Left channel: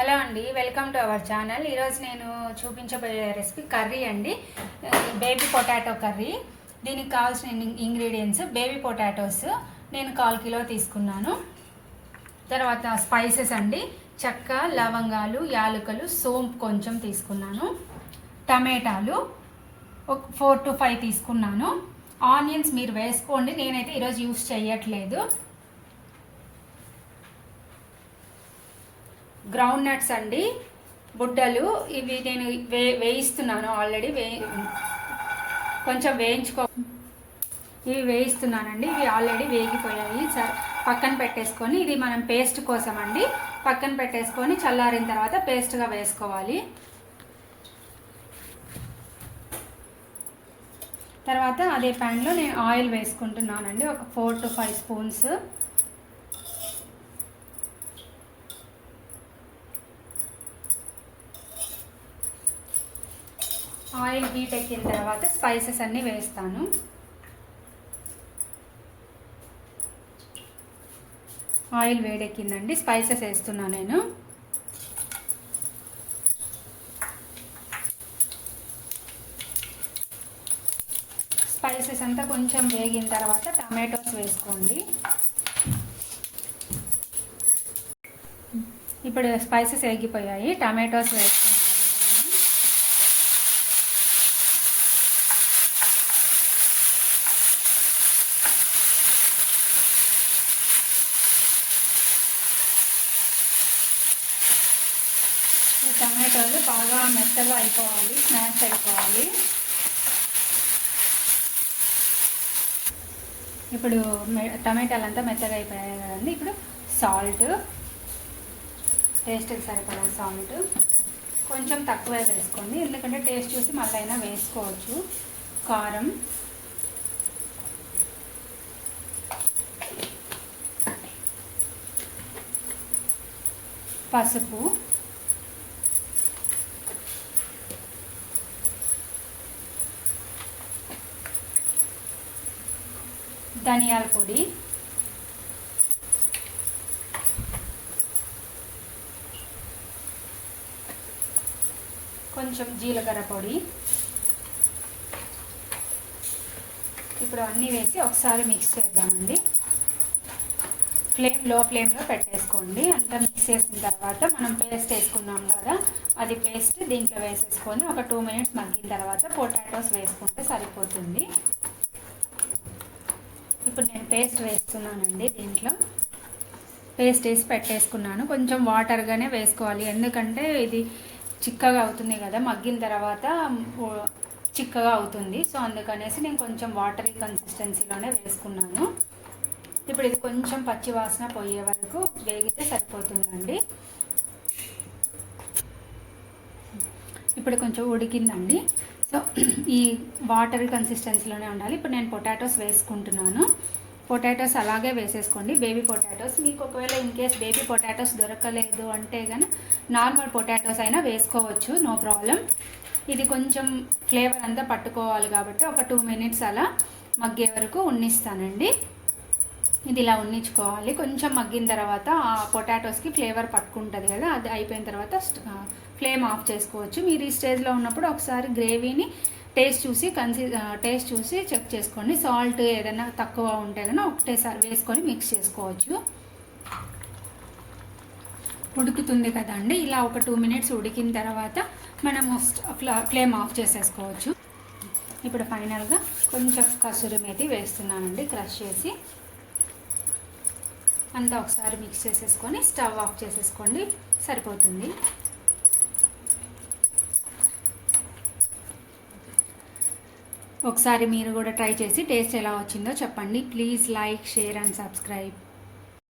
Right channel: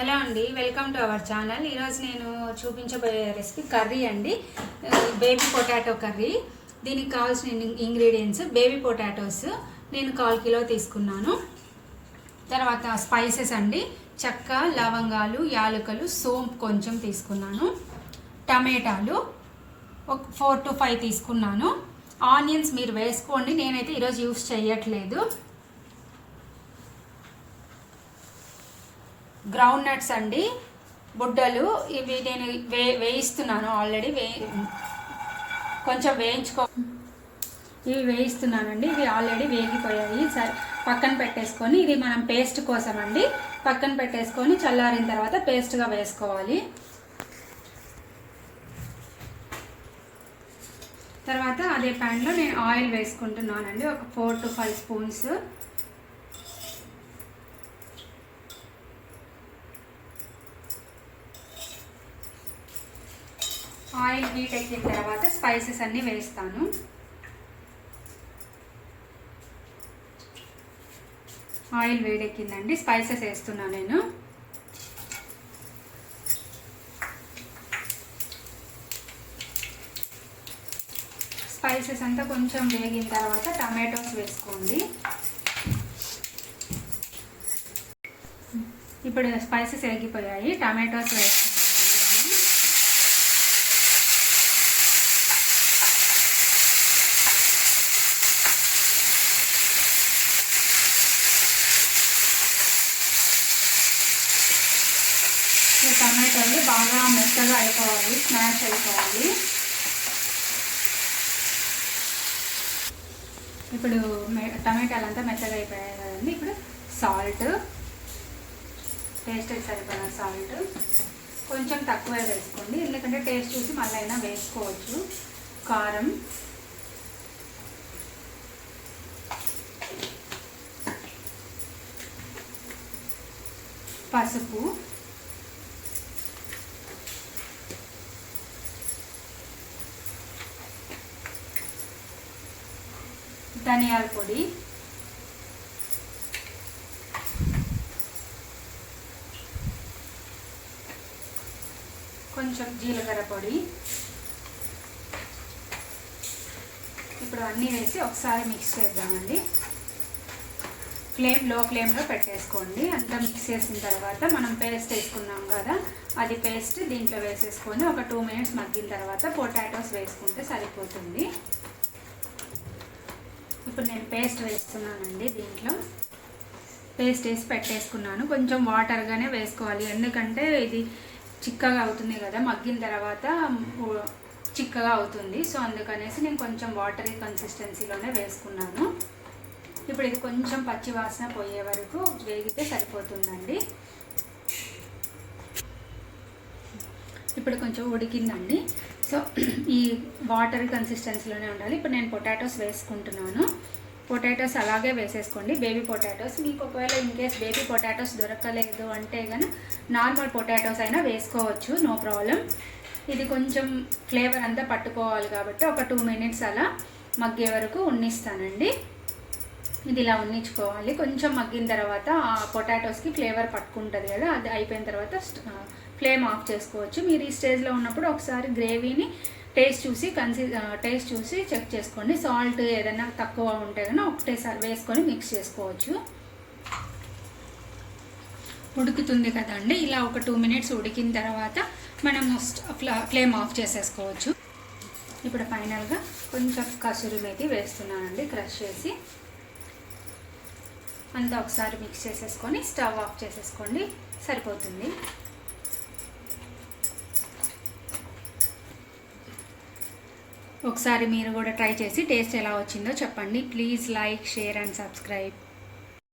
Hello అండి, welcome to our channel. ఈరోజు నేను చూపించబోయే రెసిపీ కర్రీ అండి, బేబీ పొటాటో కర్రీ. దీనికి కావాల్సిన ఇంగ్రీడియంట్స్ బేబీ పొటాటోస్ నేను 1/4 కిలో తీసుకున్నాను. తర్వాత స్పైసెస్ అండి, చెక్క, లవంగాలు, యాలకులు, సోంపు కొంచెం తీసుకున్నాను. టమాటాలు ఒక 4 to 5 తీసుకున్నాను. ఆనియన్స్ మీరు వేసుకోండి, నేనైతే ఈరోజు యూస్ చేయట్లేదు. గ్రౌండ్ నట్స్ అండి, బుడ్డలు, ఇవి నేను వేయిస్తున్నాను. ఆల్రెడీ కొంచెం ఇవి వేయిస్తున్నానండి. ఇవి ఆల్రెడీ వేగిపోయాయి. సరే, పక్కన పెట్టేసుకొని ఇది మనం పేస్ట్ కోసం అండి, పక్కన పెట్టేసుకొని చల్లారిన తర్వాత పేస్ట్గా వేసుకోవాలి. తర్వాత అదే ప్యాన్లో నేను ఆయిల్ వేసుకుంటున్నానండి, ఒక 4 to 5 స్పూన్స్. ఆయిల్ హీట్ ఎక్కిన తర్వాత స్పైసెస్ అన్నీ వేస్తాను. ఆయిల్ వేడెక్కిందండి, స్పైసెస్ వేస్తున్నాను నేను. స్పైసెస్ అంతా కొంచెం వేగిన తర్వాత టమాటోస్ వేసుకోండి. ఇప్పుడు స్పైసెస్ వేగిపోయాయి, టమాటోస్ వేసుకోండి. టమాటోలు బాగా మెత్తగా అయిపోవాలి, స్మాష్ అయిపోవాలి. ఇప్పుడు టమాటాలు అంతా మెత్తగా అయిపోయాయి కదండి. ఇప్పుడు సాల్ట్, టేస్ట్కి సరిపడిన సాల్ట్ కొంచెం తక్కువే వేసుకోండి, ఎందుకంటే టేస్ట్ చూసి మళ్ళీ అయినా వేసుకోవచ్చు. కారం, పసుపు, ధనియాల పొడి, కొంచెం జీలకర్ర పొడి. ఇప్పుడు అన్నీ వేసి ఒకసారి మిక్స్ చేద్దామండి. లో ఫ్లేమ్లో పెట్టేసుకోండి. అంతా మిక్స్ చేసిన తర్వాత మనం పేస్ట్ వేసుకున్నాం కదా, అది పేస్ట్ దీంట్లో వేసేసుకొని ఒక 2 minutes మగ్గిన తర్వాత పొటాటోస్ వేసుకుంటే సరిపోతుంది. ఇప్పుడు నేను పేస్ట్ వేస్తున్నానండి. దీంట్లో పేస్ట్ వేసి పెట్టేసుకున్నాను. కొంచెం వాటర్గానే వేసుకోవాలి, ఎందుకంటే ఇది చిక్కగా అవుతుంది కదా, మగ్గిన తర్వాత చిక్కగా అవుతుంది. సో అందుకనేసి నేను కొంచెం వాటరీ కన్సిస్టెన్సీలోనే వేసుకున్నాను. ఇప్పుడు ఇది కొంచెం పచ్చి వాసన పోయే వరకు వేగితే సరిపోతుందండి. ఇప్పుడు కొంచెం ఉడికిందండి. సో ఈ వాటర్ కన్సిస్టెన్సీలోనే ఉండాలి. ఇప్పుడు నేను పొటాటోస్ వేసుకుంటున్నాను. పొటాటోస్ అలాగే వేసేసుకోండి, బేబీ పొటాటోస్. మీకు ఒకవేళ ఇన్ కేస్ బేబీ పొటాటోస్ దొరకలేదు అంటే కనుక నార్మల్ పొటాటోస్ అయినా వేసుకోవచ్చు, నో ప్రాబ్లం. ఇది కొంచెం ఫ్లేవర్ అంతా పట్టుకోవాలి కాబట్టి ఒక 2 minutes అలా మగ్గే వరకు ఉన్నిస్తానండి. ఇది ఇలా ఉన్నించుకోవాలి. కొంచెం మగ్గిన తర్వాత ఆ పొటాటోస్కి ఫ్లేవర్ పట్టుకుంటుంది కదా, అది అయిపోయిన తర్వాత ఫ్లేమ్ ఆఫ్ చేసుకోవచ్చు. మీరు ఈ స్టేజ్లో ఉన్నప్పుడు ఒకసారి గ్రేవీని టేస్ట్ చూసి చెక్ చేసుకోండి. సాల్ట్ ఏదైనా తక్కువ ఉంటే కనుక ఒకటేసారి వేసుకొని మిక్స్ చేసుకోవచ్చు. ఉడుకుతుంది కదండి, ఇలా ఒక 2 minutes ఉడికిన తర్వాత మనము ఫ్లేమ్ ఆఫ్ చేసేసుకోవచ్చు. ఇప్పుడు ఫైనల్గా కొంచెం కసూరి మేతి వేస్తున్నానండి, క్రష్ చేసి. అంతా ఒకసారి మిక్స్ చేసేసుకొని స్టవ్ ఆఫ్ చేసేసుకోండి, సరిపోతుంది. ఒకసారి మీరు కూడా ట్రై చేసి టేస్ట్ ఎలా వచ్చిందో చెప్పండి. Please like, share and subscribe.